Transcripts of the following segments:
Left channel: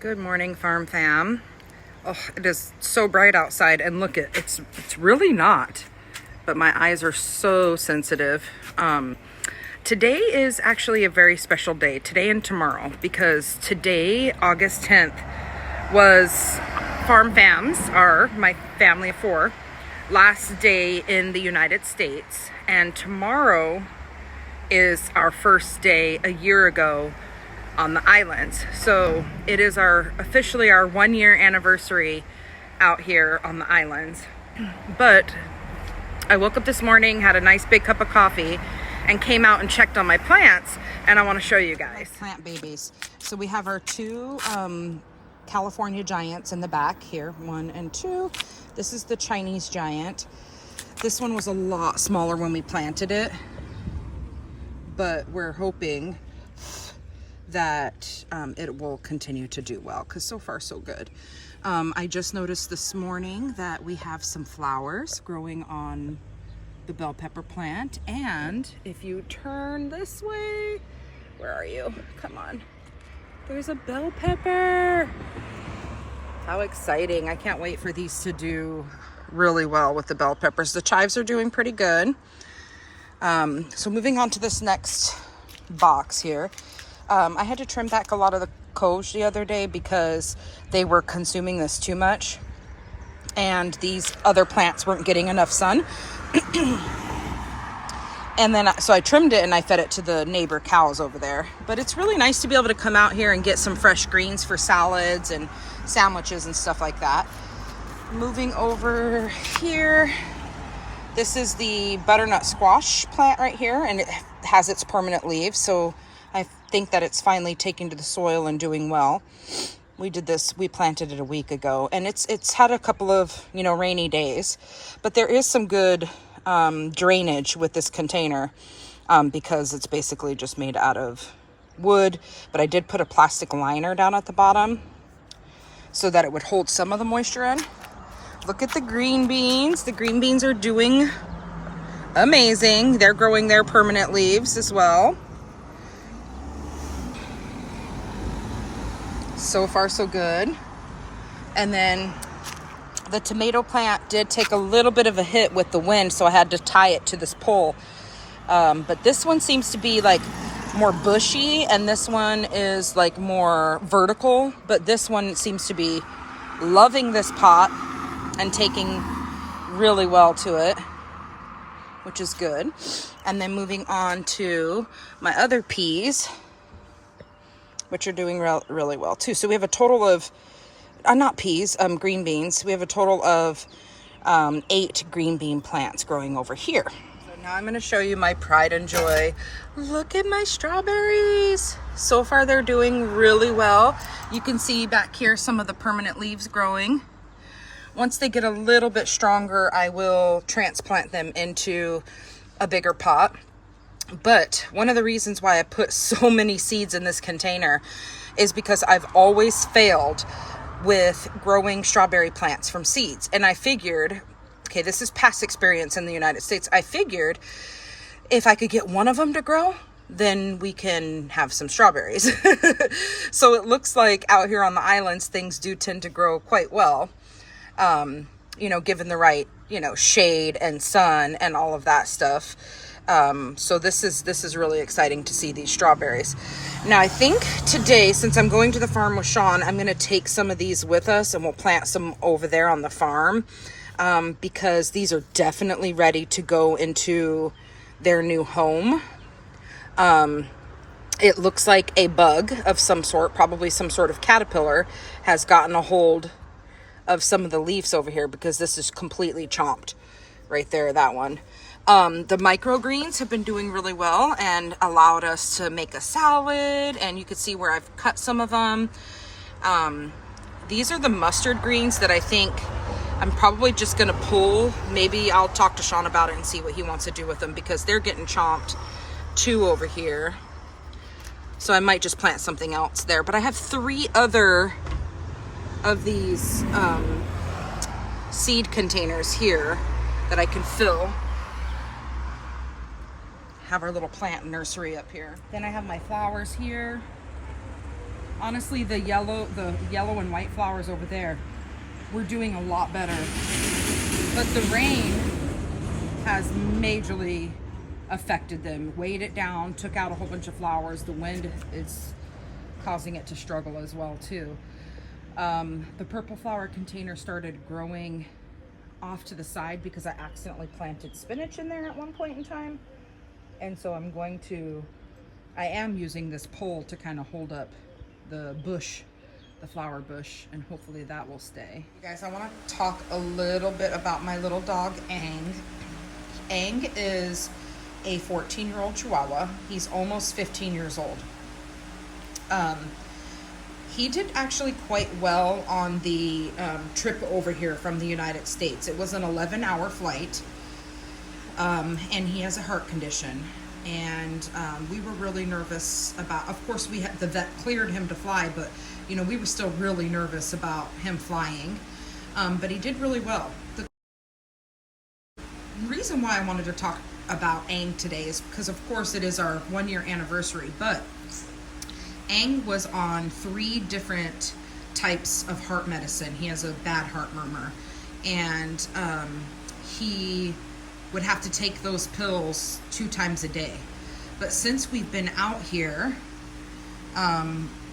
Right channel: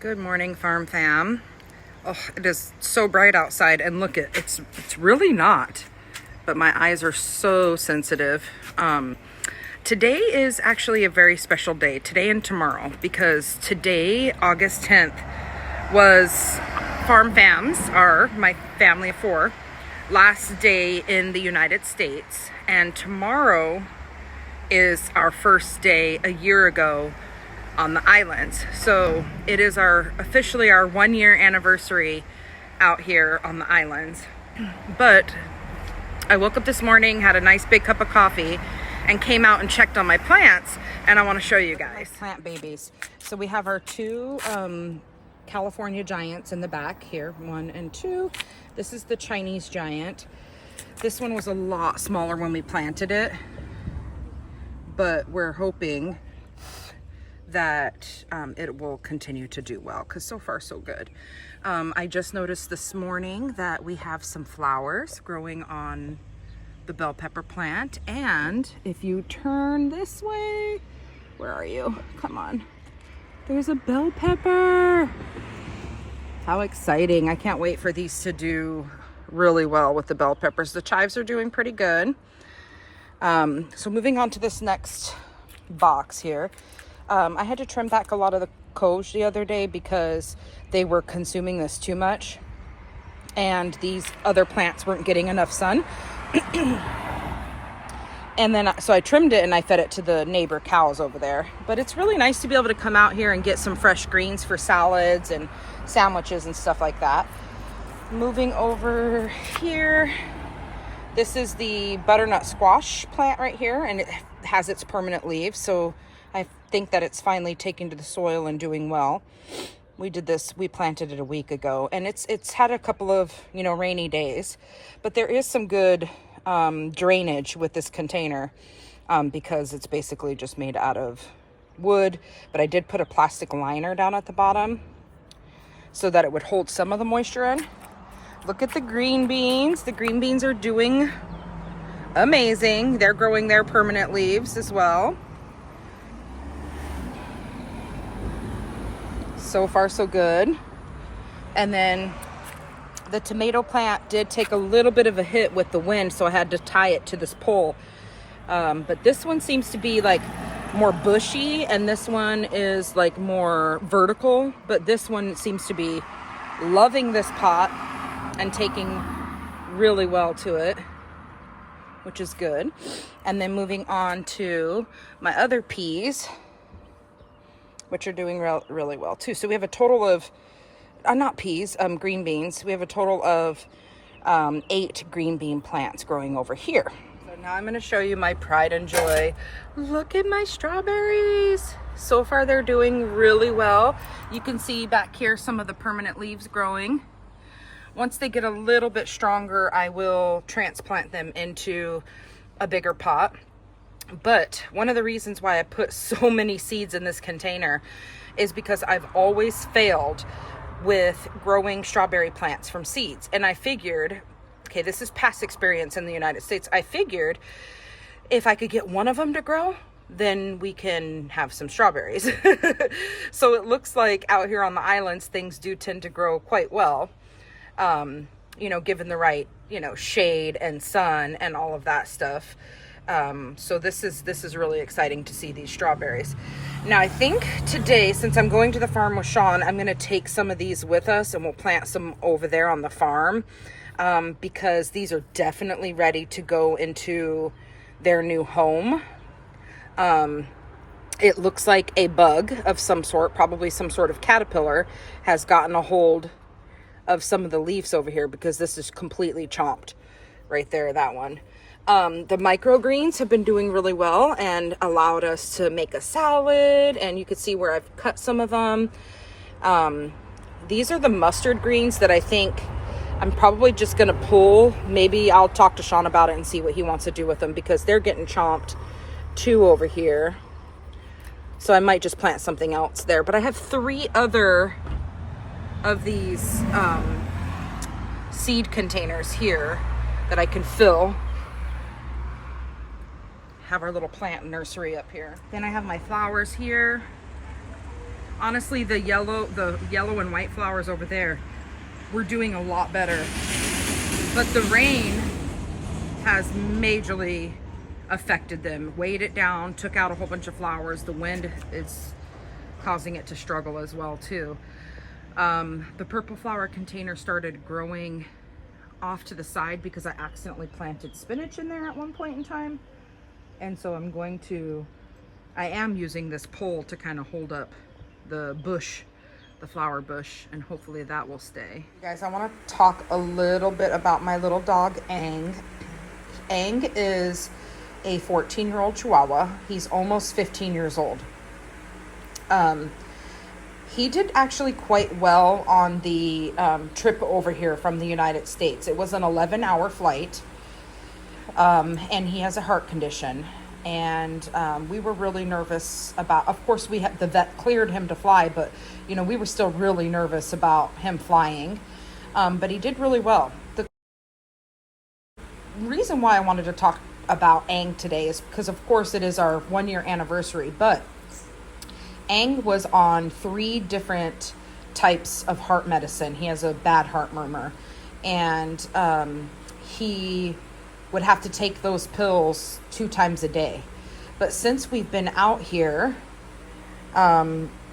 Good morning, farm fam. Oh, it is so bright outside, and look, it's really not, but my eyes are so sensitive. Today is actually a very special day, today and tomorrow, because today, August 10th, was Farm Fam's, my family of four, last day in the United States, and tomorrow is our first day a year ago on the islands. So it is officially our 1 year anniversary out here on the islands. But I woke up this morning, had a nice big cup of coffee, and came out and checked on my plants, and I want to show you guys. Plant babies. So we have our two California giants in the back here, 1 and 2. This is the Chinese giant. This one was a lot smaller when we planted it, but we're hoping that it will continue to do well, because so far so good. I just noticed this morning that we have some flowers growing on the bell pepper plant, and if you turn this way, where are you? Come on. There's a bell pepper. How exciting. I can't wait for these to do really well with the bell peppers. The chives are doing pretty good. So moving on to this next box here. I had to trim back a lot of the coge the other day because they were consuming this too much, and these other plants weren't getting enough sun. And then so I trimmed it and I fed it to the neighbor cows over there. But it's really nice to be able to come out here and get some fresh greens for salads and sandwiches and stuff like that. Moving over here, this is the butternut squash plant right here, and it has its permanent leaves, so I think that it's finally taking to the soil and doing well. We planted it a week ago, and it's had a couple of, rainy days, but there is some good drainage with this container because it's basically just made out of wood, but I did put a plastic liner down at the bottom so that it would hold some of the moisture in. Look at the green beans. The green beans are doing amazing. They're growing their permanent leaves as well. So far so good. And then the tomato plant did take a little bit of a hit with the wind, so I had to tie it to this pole. But this one seems to be like more bushy, and this one is like more vertical, but this one seems to be loving this pot and taking really well to it, which is good. And then moving on to my other peas, which are doing really well too. So we have a total of, not peas, green beans. We have a total of 8 green bean plants growing over here. So Now I'm going to show you my pride and joy. Look at my strawberries. So far they're doing really well. You can see back here some of the permanent leaves growing. Once they get a little bit stronger, I will transplant them into a bigger pot. But one of the reasons why I put so many seeds in this container is because I've always failed with growing strawberry plants from seeds. And I figured, okay, this is past experience in the United States. I figured if I could get one of them to grow, then we can have some strawberries. So it looks like out here on the islands, things do tend to grow quite well. You know, given the right, you know, shade and sun and all of that stuff. So this is really exciting to see these strawberries. Now I think today, since I'm going to the farm with Sean, I'm going to take some of these with us and we'll plant some over there on the farm. Because these are definitely ready to go into their new home. It looks like a bug of some sort, probably some sort of caterpillar, has gotten a hold of some of the leaves over here because this is completely chomped right there, that one. The microgreens have been doing really well and allowed us to make a salad, and you can see where I've cut some of them. These are the mustard greens that I think I'm probably just going to pull. Maybe I'll talk to Sean about it and see what he wants to do with them because they're getting chomped too over here. So I might just plant something else there. But I have 3 other of these seed containers here that I can fill. Have our little plant nursery up here. Then I have my flowers here. Honestly, the yellow and white flowers over there, we're doing a lot better. But the rain has majorly affected them, weighed it down, took out a whole bunch of flowers. The wind is causing it to struggle as well too. The purple flower container started growing off to the side because I accidentally planted spinach in there at one point in time. And so I am using this pole to kind of hold up the bush, the flower bush, and hopefully that will stay. You guys, I want to talk a little bit about my little dog, Aang. Aang is a 14-year-old Chihuahua. He's almost 15 years old. He did actually quite well on the trip over here from the United States. It was an 11-hour flight, and he has a heart condition. And we were really nervous about, of course, the vet cleared him to fly, but you know, we were still really nervous about him flying. But he did really well. The reason why I wanted to talk about Aang today is because, of course, it is our 1-year anniversary, but Aang was on 3 different types of heart medicine. He has a bad heart murmur, and he would have to take those pills 2 times a day. But since we've been out here,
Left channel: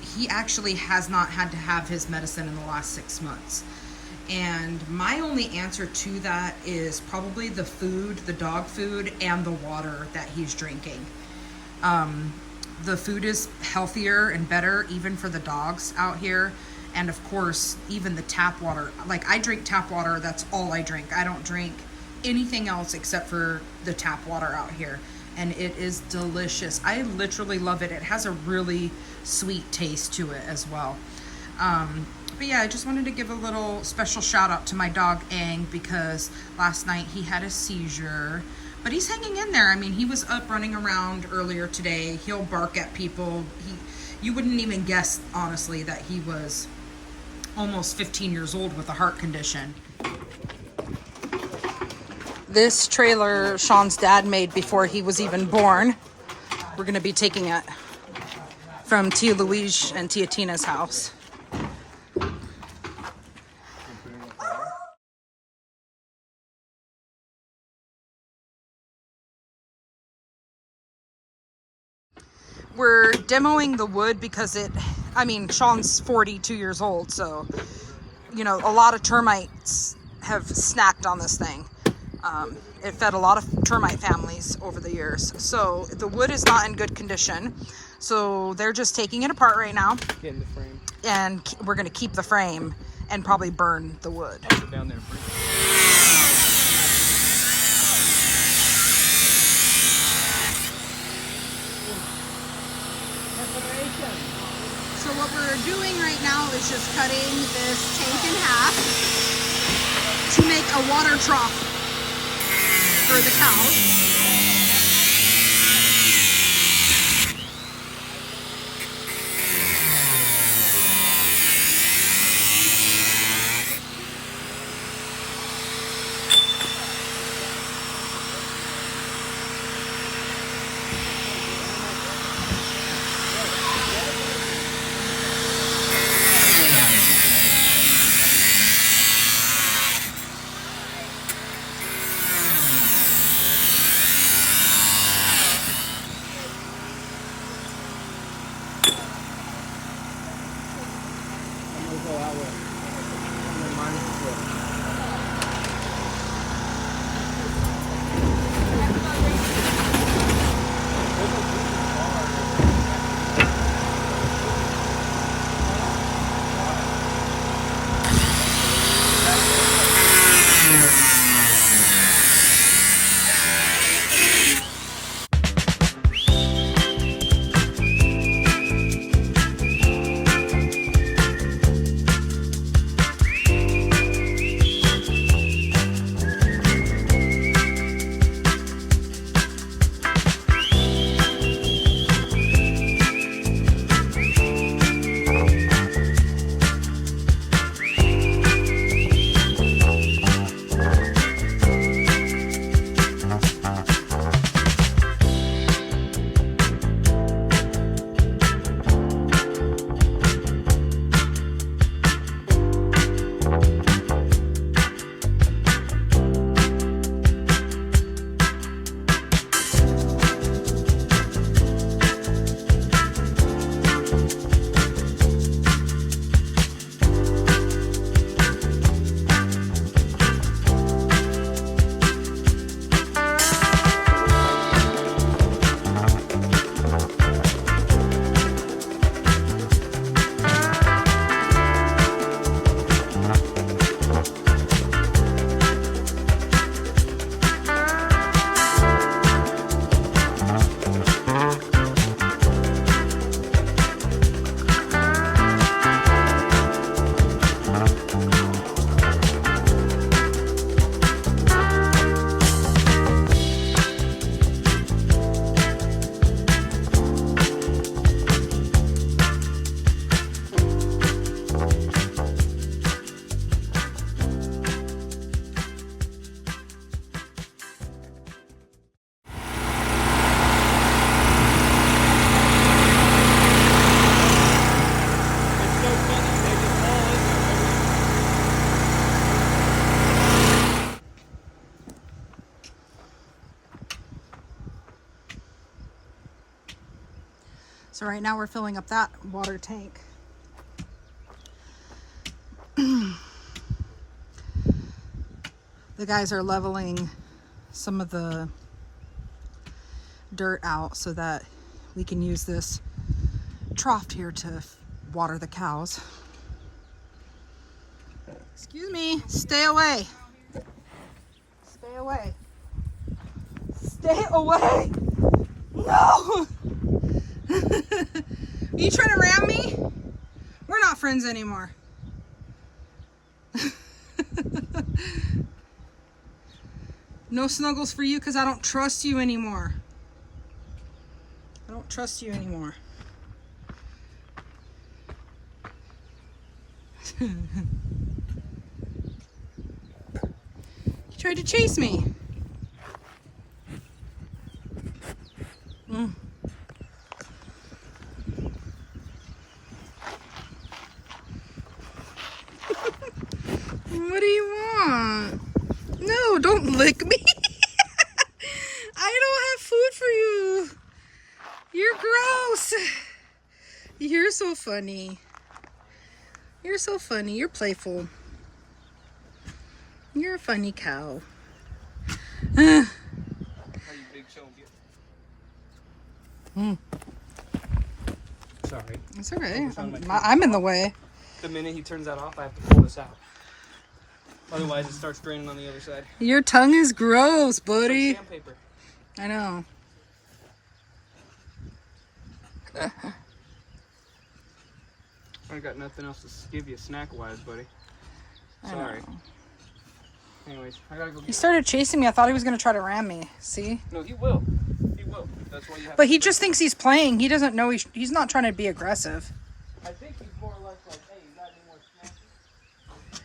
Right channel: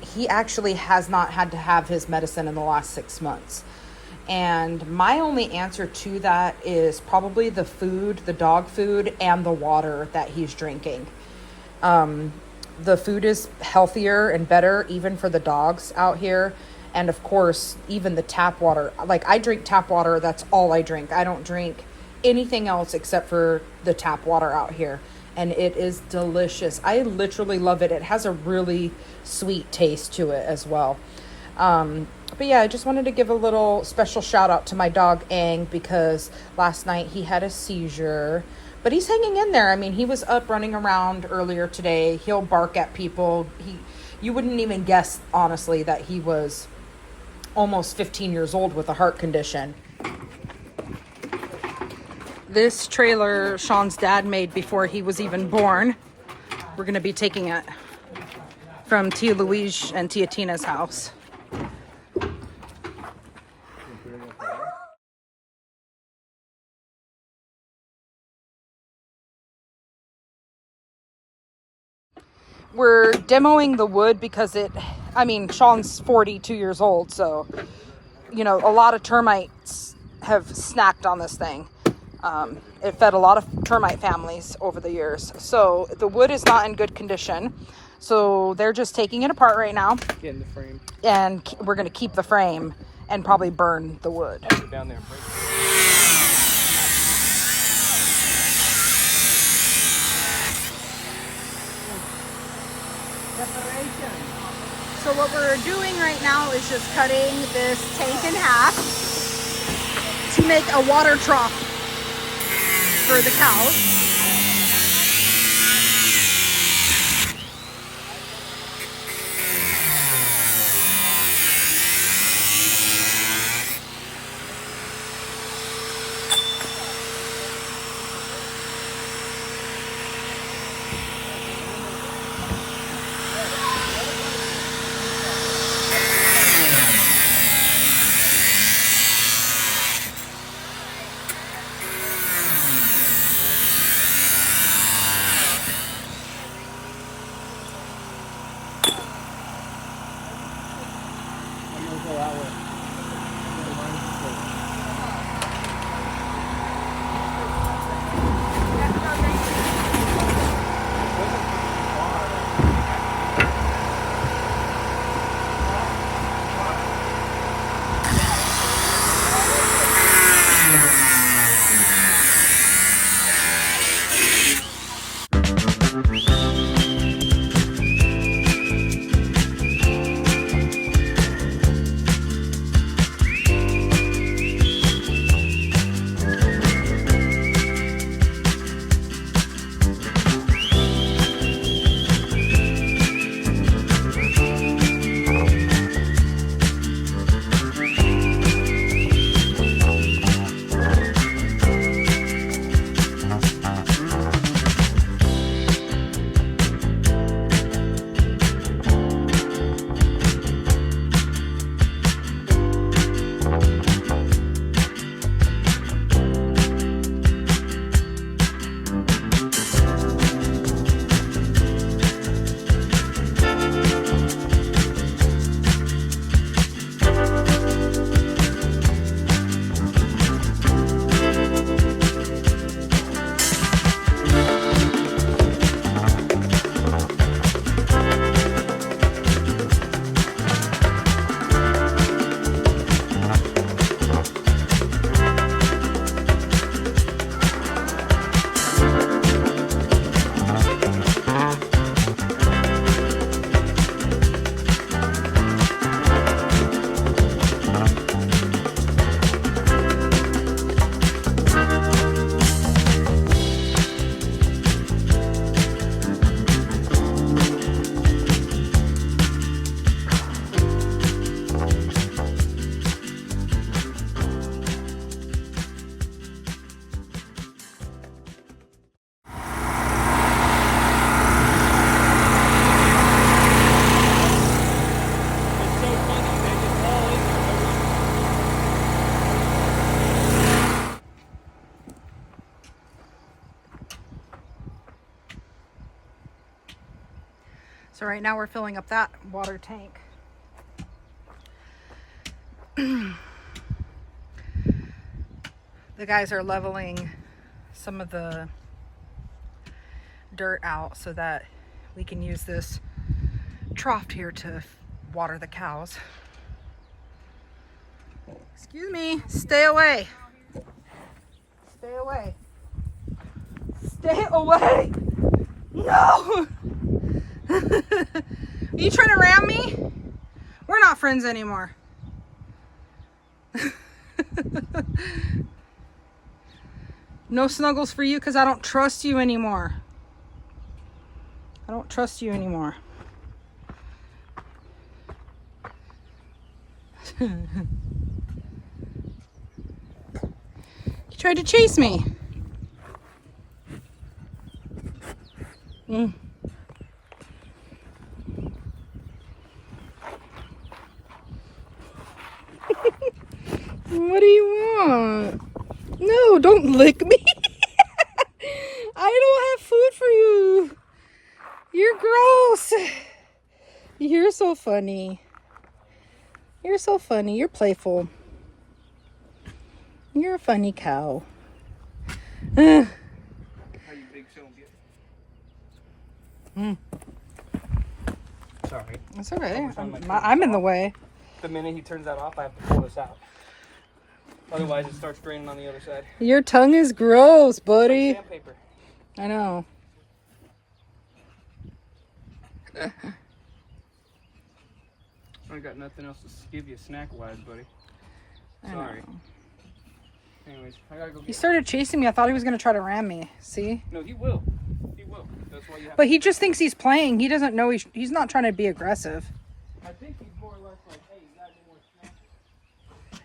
he actually has not had to have his medicine in the last 6 months. And my only answer to that is probably the food, the dog food, and the water that he's drinking. The food is healthier and better even for the dogs out here. And of course, even the tap water. Like, I drink tap water, that's all I drink. I don't drink anything else except for the tap water out here. And it is delicious. I literally love it. It has a really sweet taste to it as well. But yeah, I just wanted to give a little special shout out to my dog Aang, because last night he had a seizure, but he's hanging in there. I mean, he was up running around earlier today. He'll bark at people. You wouldn't even guess, honestly, that he was almost 15 years old with a heart condition. This trailer Sean's dad made before he was even born. We're going to be taking it from Tia Louise and Tia Tina's house. We're demoing the wood because Sean's 42 years old, so, you know, a lot of termites have snacked on this thing. It fed a lot of termite families over the years. So the wood is not in good condition. So they're just taking it apart right now. Getting the frame. And we're going to keep the frame and probably burn the wood. Down there. Preparation. So what we're doing right now is just cutting this tank in half to make a water trough for the cows. I'm gonna go that way. So right now we're filling up that water tank. The guys are leveling some of the dirt out so that we can use this trough here to water the cows. Excuse me, stay away. Stay away. Stay away. No! Are you trying to ram me? We're not friends anymore. No snuggles for you because I don't trust you anymore. I don't trust you anymore. You tried to chase me. What do you want? No, don't lick me. I don't have food for you. You're gross. You're so funny. You're so funny. You're playful. You're a funny cow. How you big show get? Sorry. It's okay. I'm in the way. The minute he turns that off, I have to pull this out. Otherwise, it starts draining on the other side. Your tongue is gross, buddy. Sandpaper. I know. I got nothing else to give you snack-wise, buddy. I Sorry. know. Anyways, I gotta go He get started chasing me. I thought he was going to try to ram me. See? No, he will. He will. That's why you have But to he just thinks he's playing. He doesn't know he's not trying to be aggressive. I think he's more or less like, hey, you got any more snacks?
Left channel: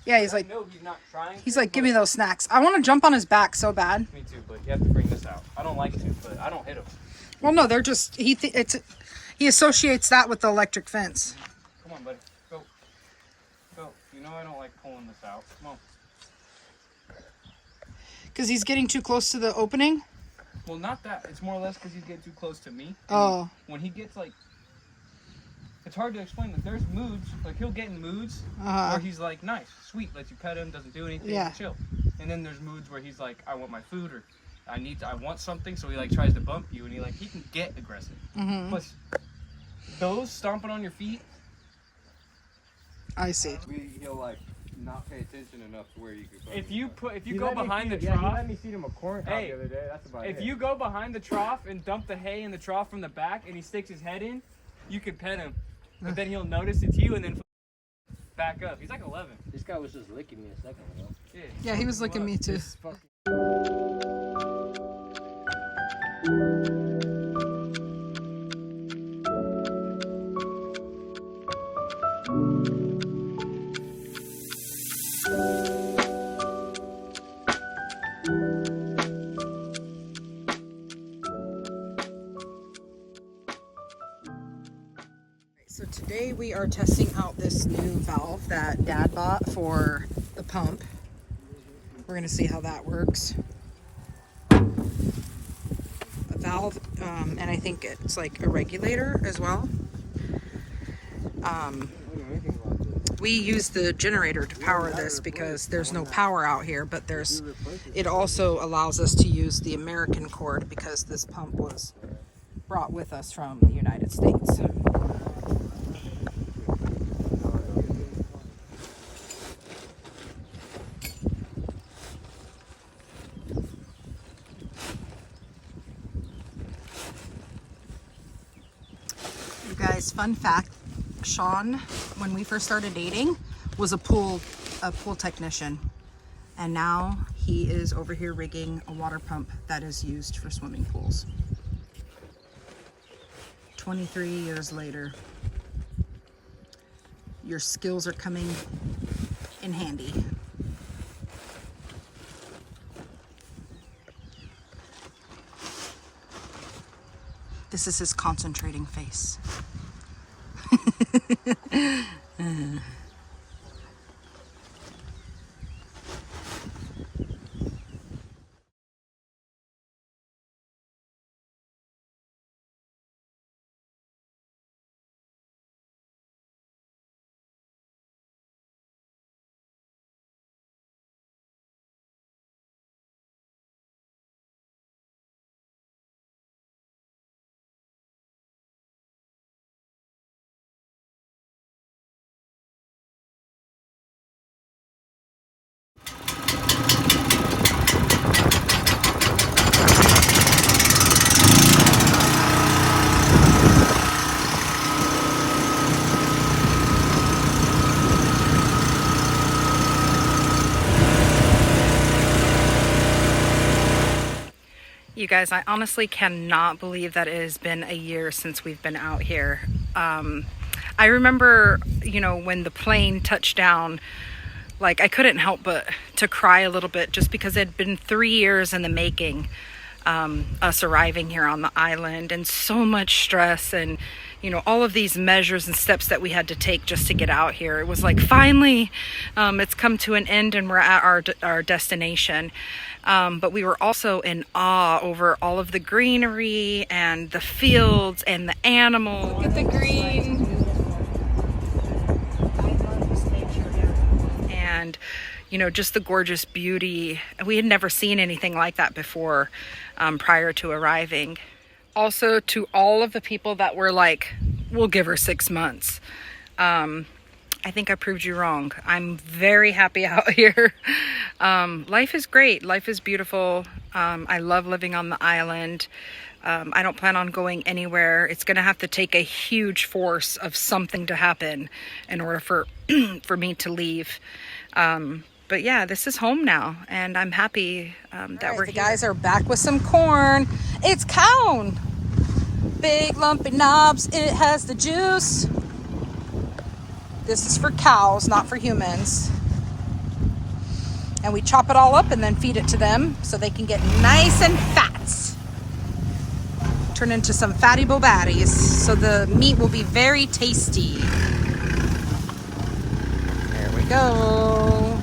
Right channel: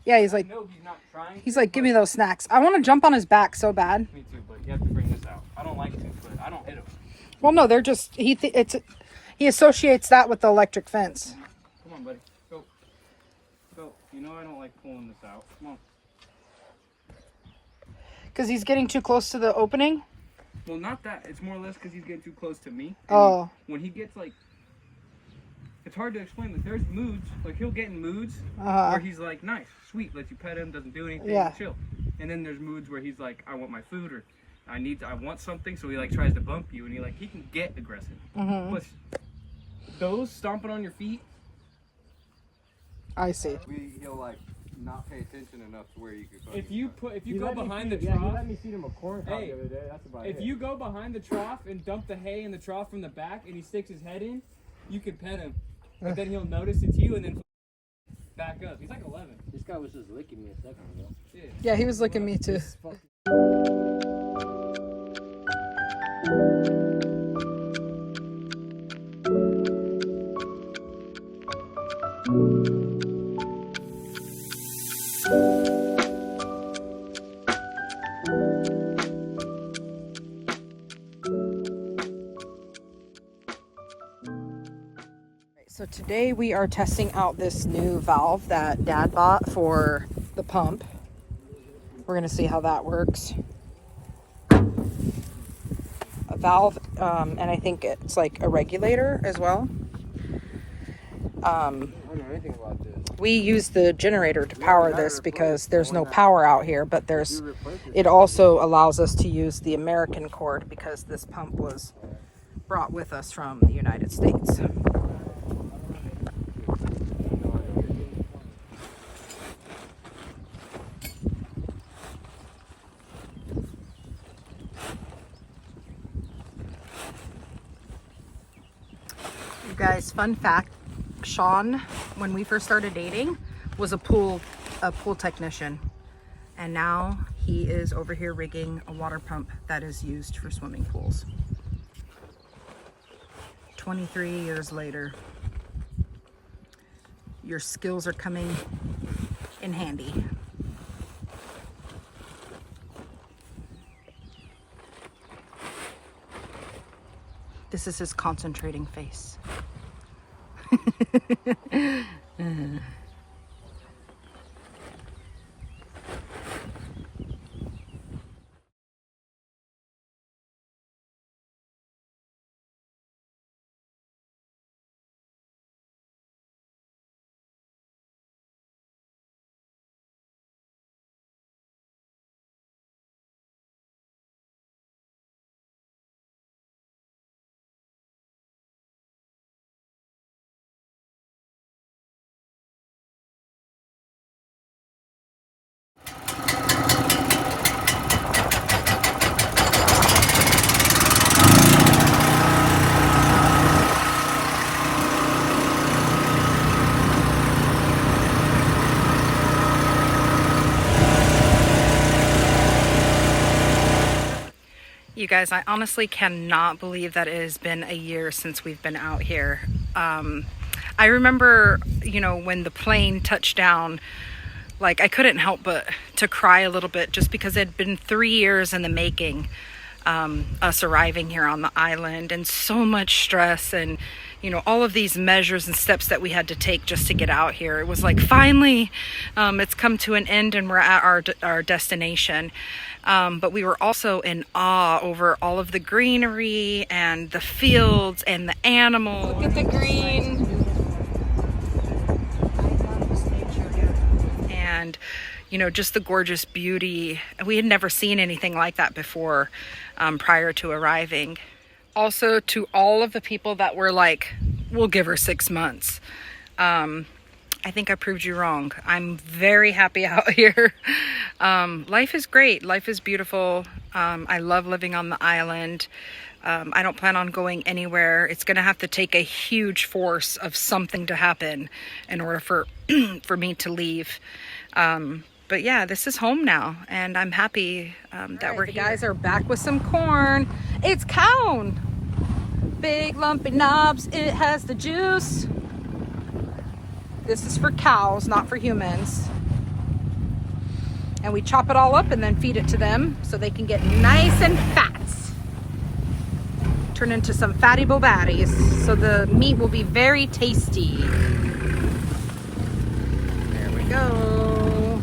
Yeah, he's like, No, he's not trying. he's like, give me those snacks. I want to jump on his back so bad. Me too, but you have to bring this out. I don't like to, but I don't hit him. Well, no, they're just, he associates that with the electric fence. Come on, buddy. Go. Go. You know I don't like pulling this out. Come on. Because he's getting too close to the opening? Well, not that. It's more or less because he's getting too close to me. And Oh. When he gets, like... It's hard to explain. Like, there's moods. Like, he'll get in moods Uh-huh. where he's like, nice, sweet, lets you pet him, doesn't do anything, Yeah. chill. And then there's moods where he's like, I want my food, or I want something, so he, like, tries to bump you, and he can get aggressive. Mm-hmm. But those stomping on your feet, I see. He'll like not pay attention enough to where you could. if you go let me behind the feed- yeah, he trough, let me feed him a corn cob Hey, the other day. That's about it. if you go behind the trough and dump the hay in the trough from the back, and he sticks his head in, you can pet him. But then he'll notice it's you, and then back up. He's like 11. This guy was just licking me a second ago. Yeah, he was licking me too. This fucking- So today we are testing out this new valve that Dad bought for the pump. We're going to see how that works. A valve, and I think it's like a regulator as well. I don't know anything about this. We use the generator to power this because there's no power out here, but it also allows us to use the American cord because this pump was brought with us from the United States. You guys, fun fact, Sean, when we first started dating, was a pool technician, and now he is over here rigging a water pump that is used for swimming pools. 23 years later, your skills are coming in handy. This is his concentrating face. You guys, I honestly cannot believe that it has been a year since we've been out here. I remember, when the plane touched down, like I couldn't help but to cry a little bit just because it had been 3 years in the making, us arriving here on the island, and so much stress and, all of these measures and steps that we had to take just to get out here. It was like, finally, it's come to an end and we're at our destination. But we were also in awe over all of the greenery and the fields and the animals. Look at the green. And, just the gorgeous beauty. We had never seen anything like that before, prior to arriving. Also, to all of the people that were like, we'll give her 6 months. I think I proved you wrong. I'm very happy out here. Life is great. Life is beautiful. I love living on the island. I don't plan on going anywhere. It's going to have to take a huge force of something to happen in order for for me to leave. But yeah, this is home now, and I'm happy that we're here. The guys are back with some corn. It's cone. Big lumpy knobs. It has the juice. This is for cows, not for humans. And we chop it all up and then feed it to them so they can get nice and fat. Turn into some fatty bobatties. So the meat will be very tasty. There we go.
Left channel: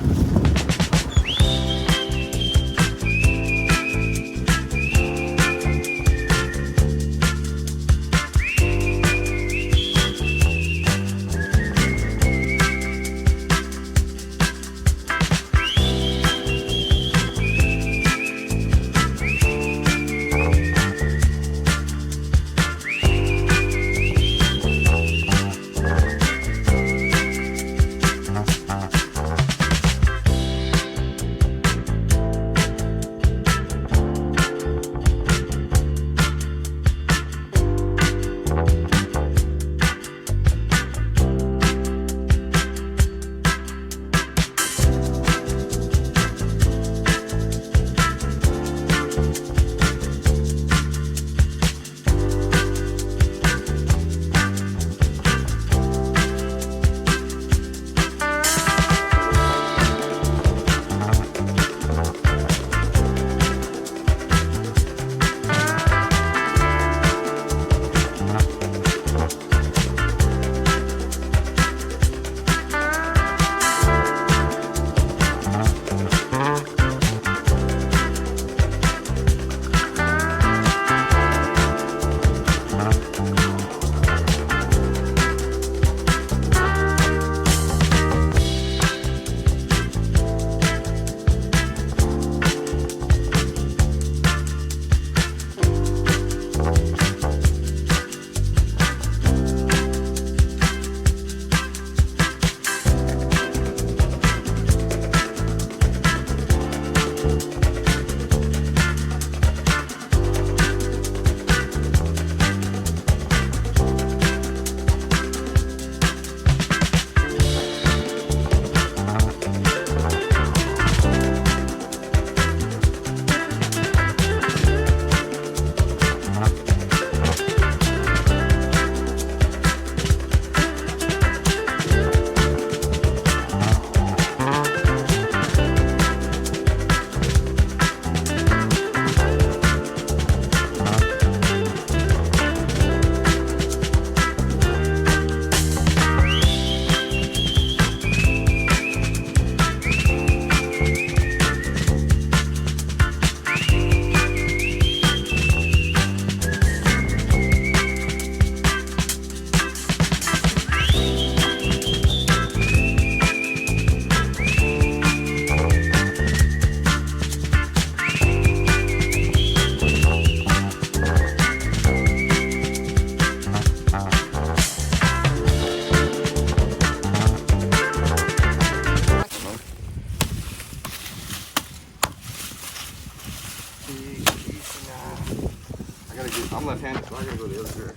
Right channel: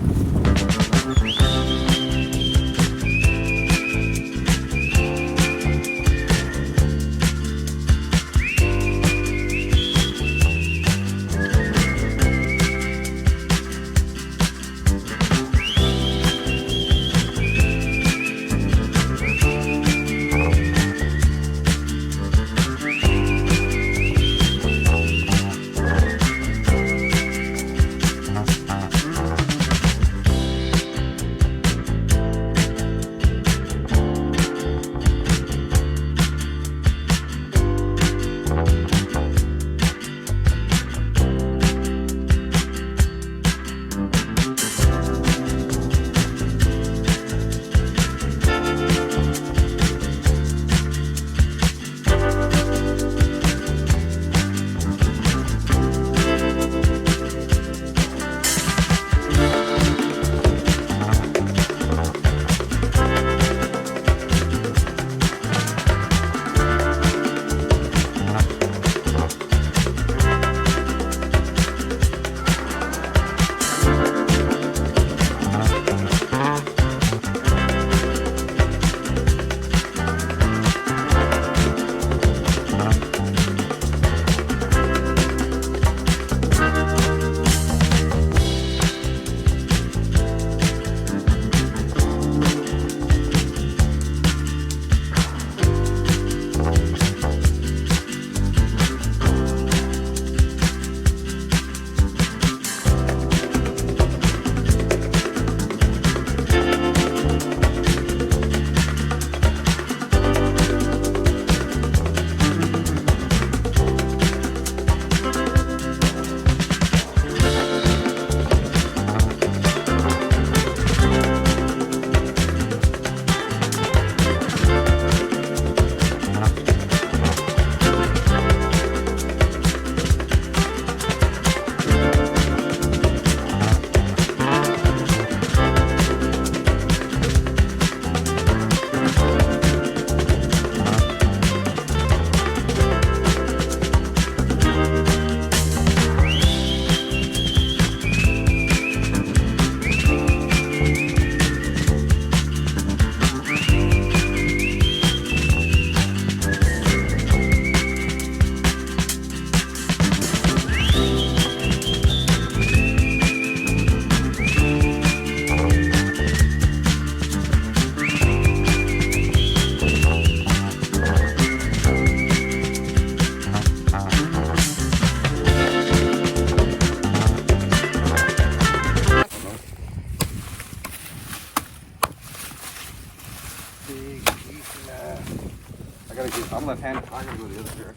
I'm left-handed, so I gotta go the other direction.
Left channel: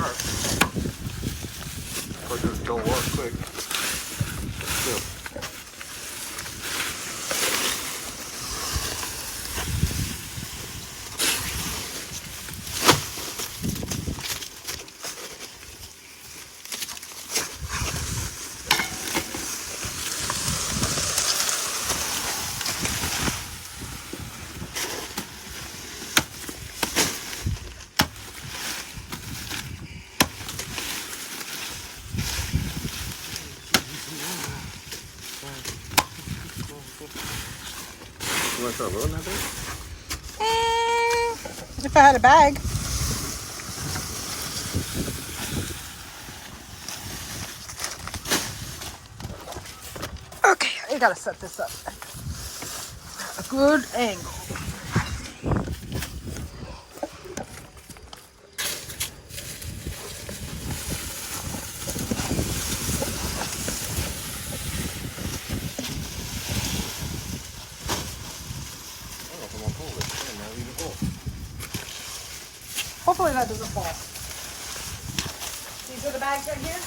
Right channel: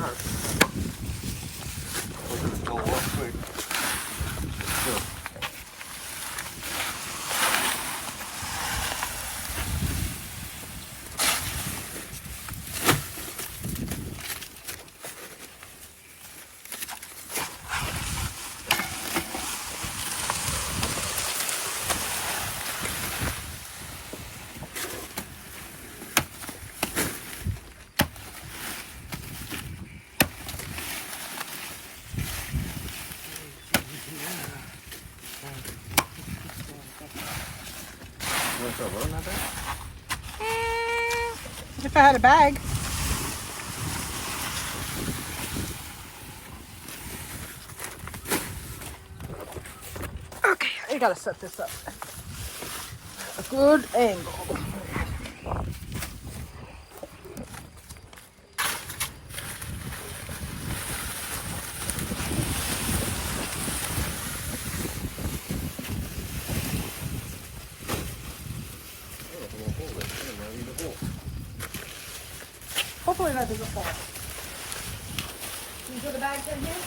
Sharp. Of course, it'll go off quick. want to try rolling that thing? If I had a bag. Okay, I gotta set this up at a good angle. Hopefully that doesn't fall. These are the bags right here?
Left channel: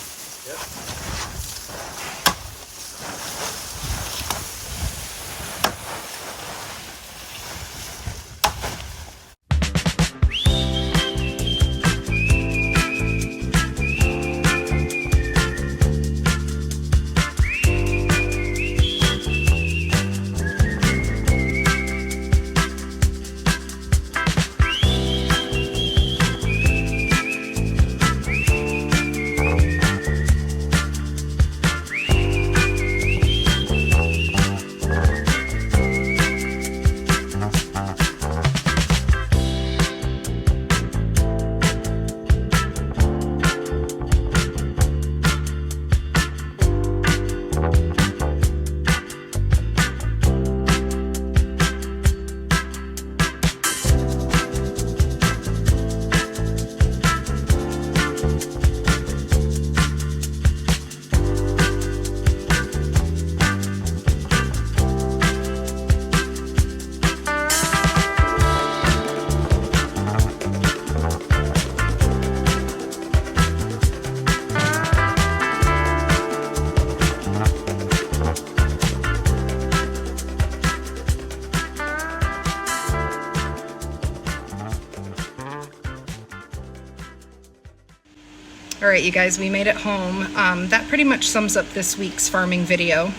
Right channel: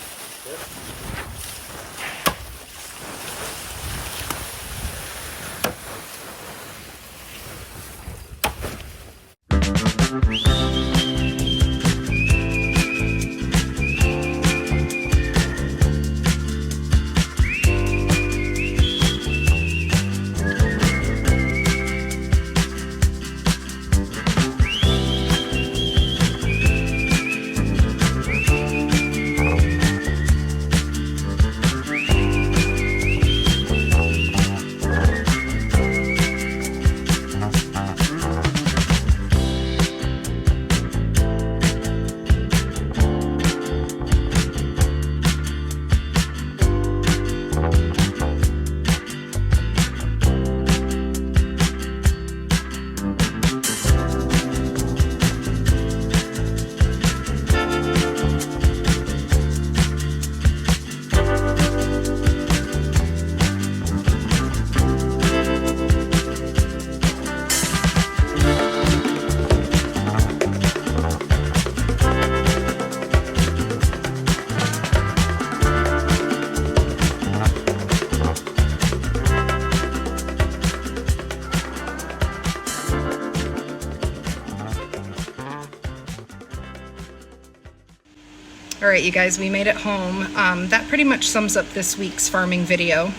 All right, you guys, we made it home. That pretty much sums up this week's farming video.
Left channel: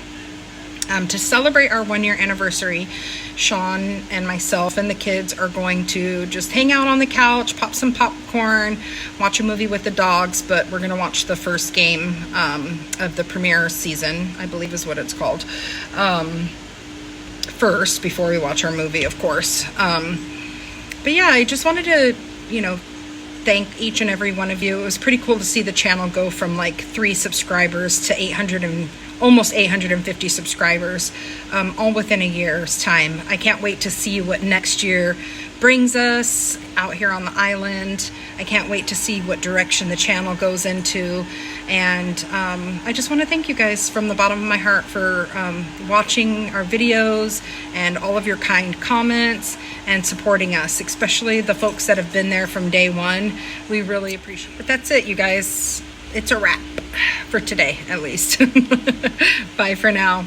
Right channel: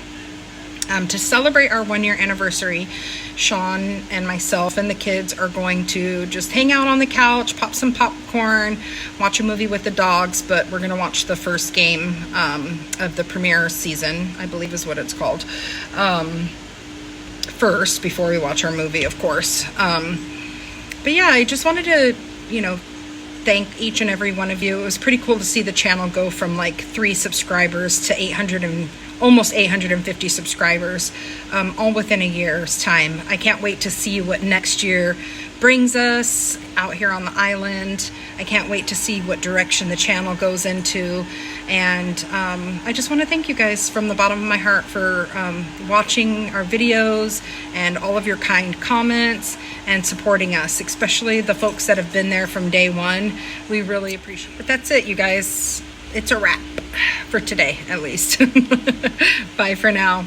To celebrate our 1-year anniversary, Sean and myself and the kids are going to just hang out on the couch, pop some popcorn, watch a movie with the dogs, but we're gonna watch the first game of the premiere season, I believe is what it's called, first, before we watch our movie, of course. But yeah, I just wanted to, thank each and every one of you. It was pretty cool to see the channel go from like 3 subscribers to 800 and almost 850 subscribers, all within a year's time. I can't wait to see what next year brings us out here on the island. I can't wait to see what direction the channel goes into. And I just want to thank you guys from the bottom of my heart for watching our videos and all of your kind comments and supporting us, especially the folks that have been there from day one. We really appreciate it. But that's it, you guys. It's a wrap for today, at least. Bye for now.